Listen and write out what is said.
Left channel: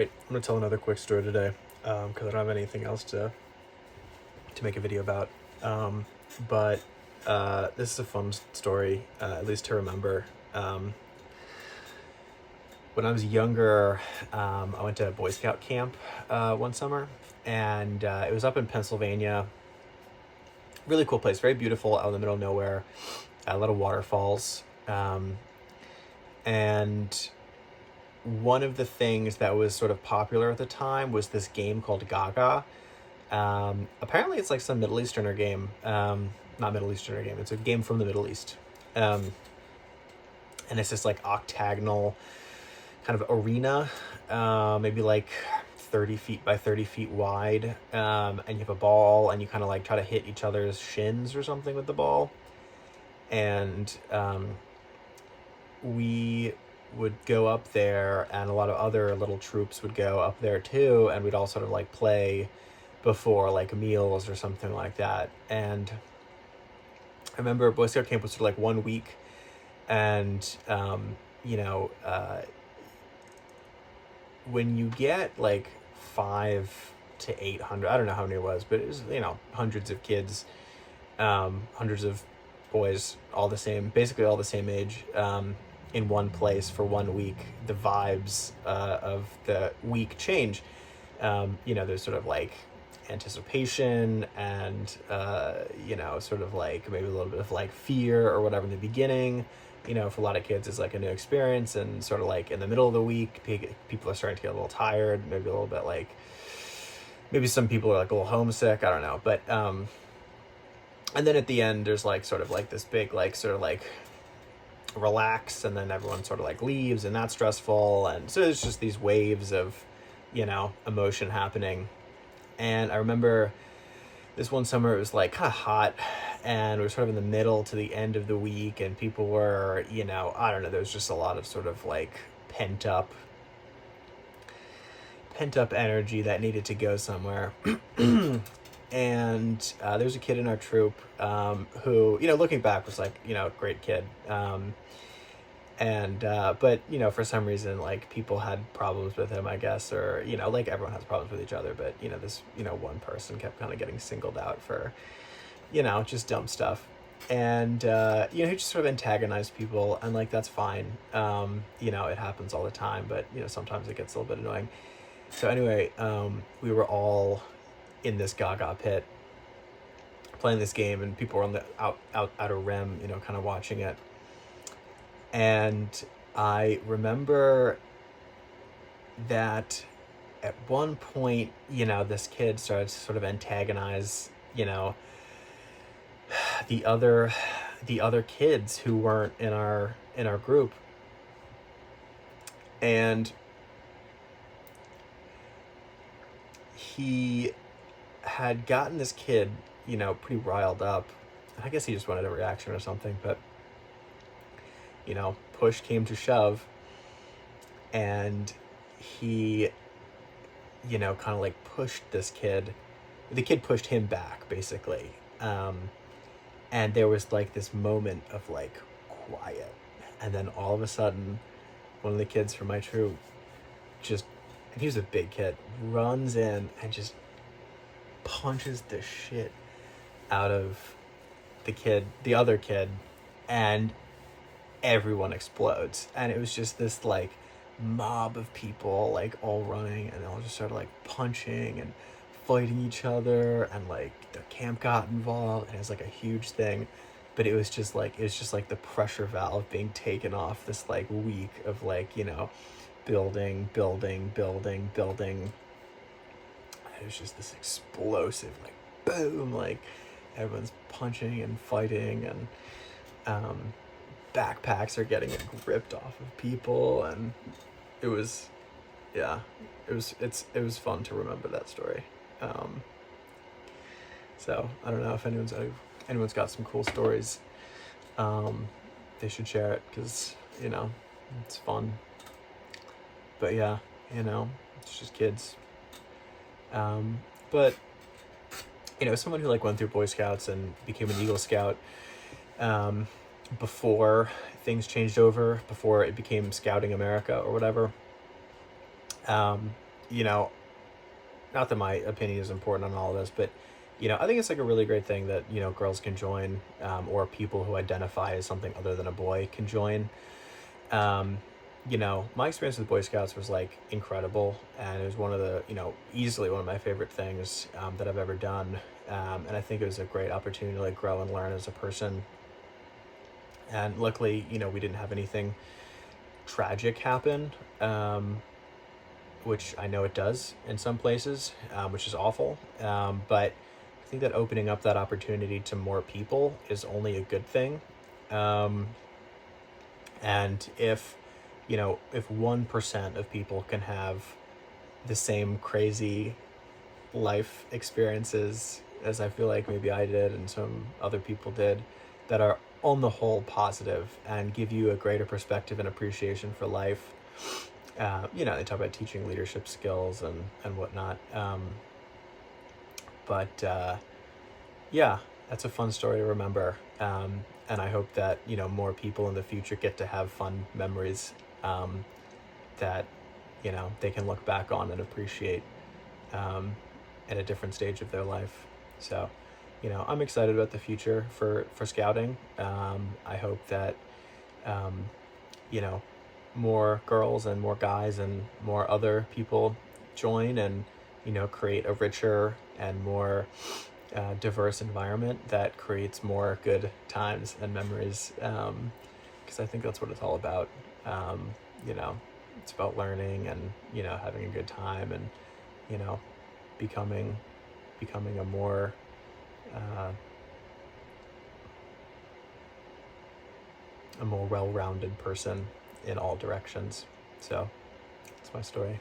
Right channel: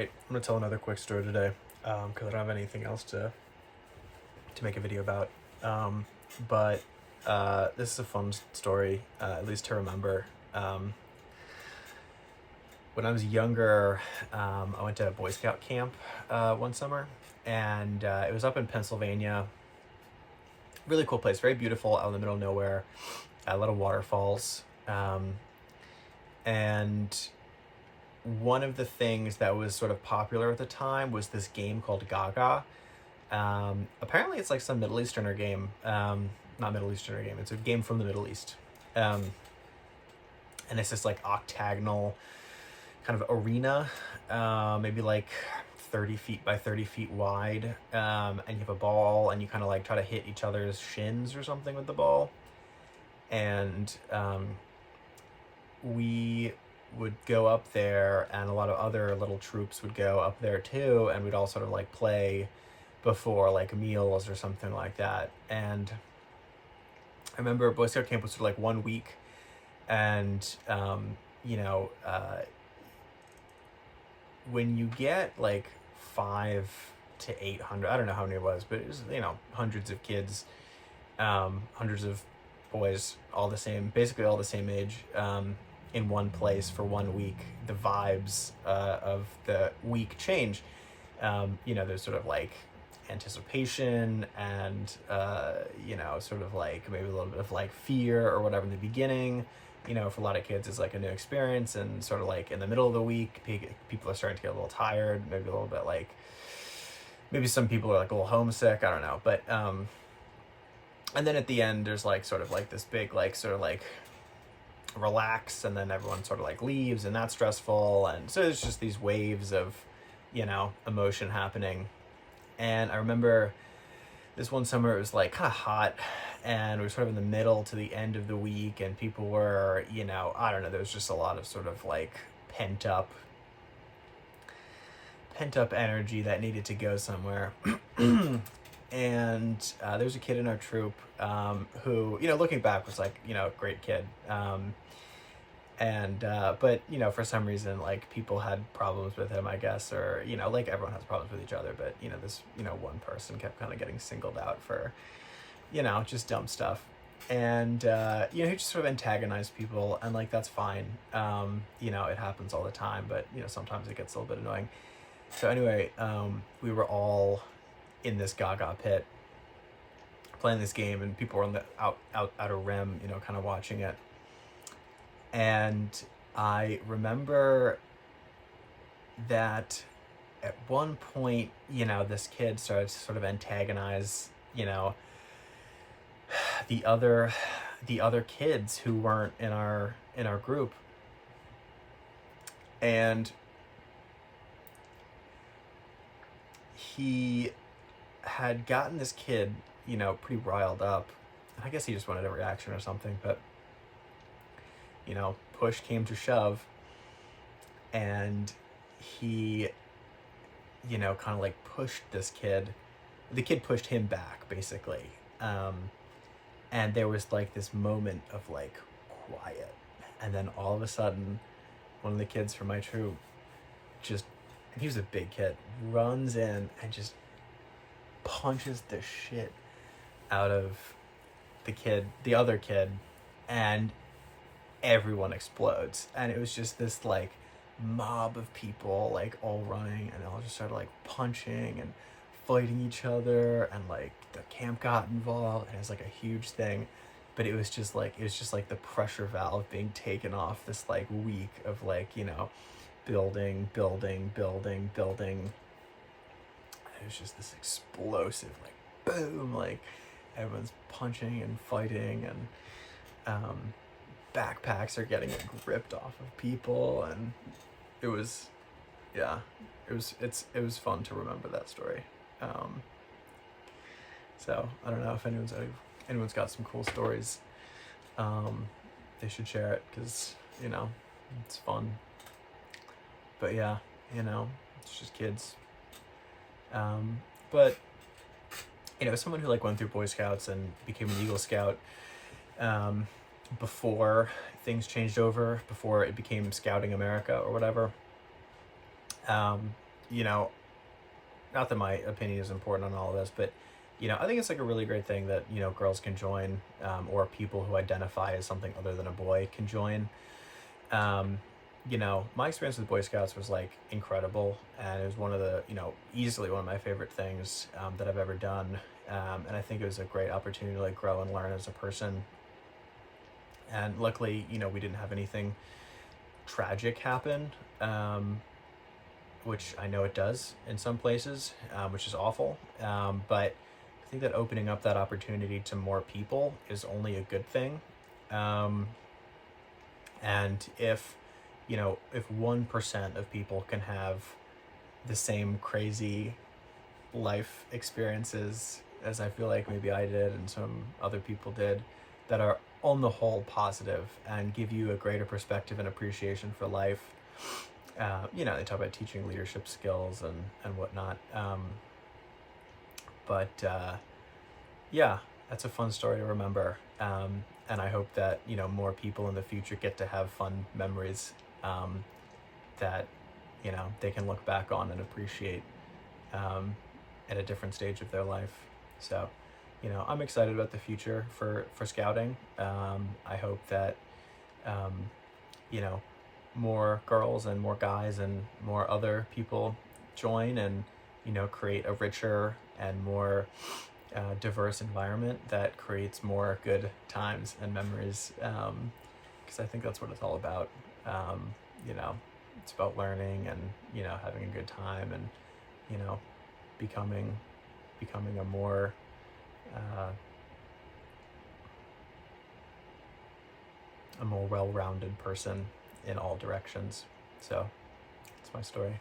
right, I'm gonna tell another quick story today because I don't have anything else to make a video about. But this is a fun story, at least to remember. When I was younger, I went to a Boy Scout camp one summer, and it was up in Pennsylvania. Really cool place, very beautiful, out in the middle of nowhere. A lot of waterfalls, and one of the things that was sort of popular at the time was this game called Gaga. Apparently, it's like some Middle Easterner game. Not Middle Easterner game. It's a game from the Middle East, and it's this like octagonal kind of arena, maybe like 30 feet by 30 feet wide, and you have a ball, and you kind of like try to hit each other's shins or something with the ball, and we would go up there, and a lot of other little troops would go up there too, and we'd all sort of like play before like meals or something like that. And I remember Boy Scout camp was sort of like 1 week, and when you get like 500 to 800, I don't know how many it was, but it was, hundreds of kids, hundreds of boys, all the same, basically all the same age, in one place for 1 week. The vibes of the week change. There's sort of like anticipation and sort of like maybe a little bit of like fear or whatever in the beginning. For a lot of kids, it's like a new experience, and sort of like in the middle of the week, people are starting to get a little tired, maybe a little bit like, maybe some people are like a little homesick, I don't know. But and then at the end, there's like sort of like this big like sort of like relax, and then everyone sort of like leaves, and that's stressful, and so it's just these waves of emotion happening. And I remember this one summer, it was like kind of hot, and we were sort of in the middle to the end of the week, and people were, I don't know, there was just a lot of sort of like pent up energy that needed to go somewhere. And there was a kid in our troop who, looking back, was like, a great kid. But for some reason, like, people had problems with him, I guess, or like everyone has problems with each other, but this one person kept kind of getting singled out for just dumb stuff. And he just sort of antagonized people, and like that's fine. It happens all the time, but sometimes it gets a little bit annoying. So anyway, we were all in this Gaga pit playing this game, and people were on the outer rim, kind of watching it. And I remember that at one point, this kid started to sort of antagonize, the other kids who weren't in our group. And he had gotten this kid, pretty riled up. I guess he just wanted a reaction or something, but push came to shove, and he, kind of like pushed this kid. The kid pushed him back, basically. And there was like this moment of like quiet, and then all of a sudden, one of the kids from my troop and he was a big kid, runs in and just punches the shit out of the other kid, and everyone explodes. And it was just this like mob of people like all running, and they all just started like punching and fighting each other, and like the camp got involved, and it was like a huge thing. But it was just like the pressure valve being taken off this like week of like building. It was just this explosive like boom, like everyone's punching and fighting, and backpacks are getting like ripped off of people, and it was fun to remember that story. So I don't know if anyone's got some cool stories. They should share it, because it's fun. But yeah, it's just kids. But someone who like went through Boy Scouts and became an Eagle Scout, before things changed over, before it became Scouting America or whatever, you know, not that my opinion is important on all of this, but I think it's like a really great thing that girls can join, or people who identify as something other than a boy can join. Um, my experience with Boy Scouts was like incredible, and it was one of the easily one of my favorite things that I've ever done. And I think it was a great opportunity to like grow and learn as a person. And luckily, we didn't have anything tragic happen. Which I know it does in some places, which is awful. But I think that opening up that opportunity to more people is only a good thing. Um, and if 1% of people can have the same crazy life experiences as I feel like maybe I did and some other people did, that are on the whole positive and give you a greater perspective and appreciation for life. They talk about teaching leadership skills and whatnot. But yeah, that's a fun story to remember. And I hope that, more people in the future get to have fun memories that, they can look back on and appreciate at a different stage of their life. So, I'm excited about the future for scouting. I hope that, you know, more girls and more guys and more other people join and create a richer and more diverse environment that creates more good times and memories, because I think that's what it's all about. um, you know it's about learning and having a good time and you know becoming a more uh, well-rounded person in all directions. So that's my story.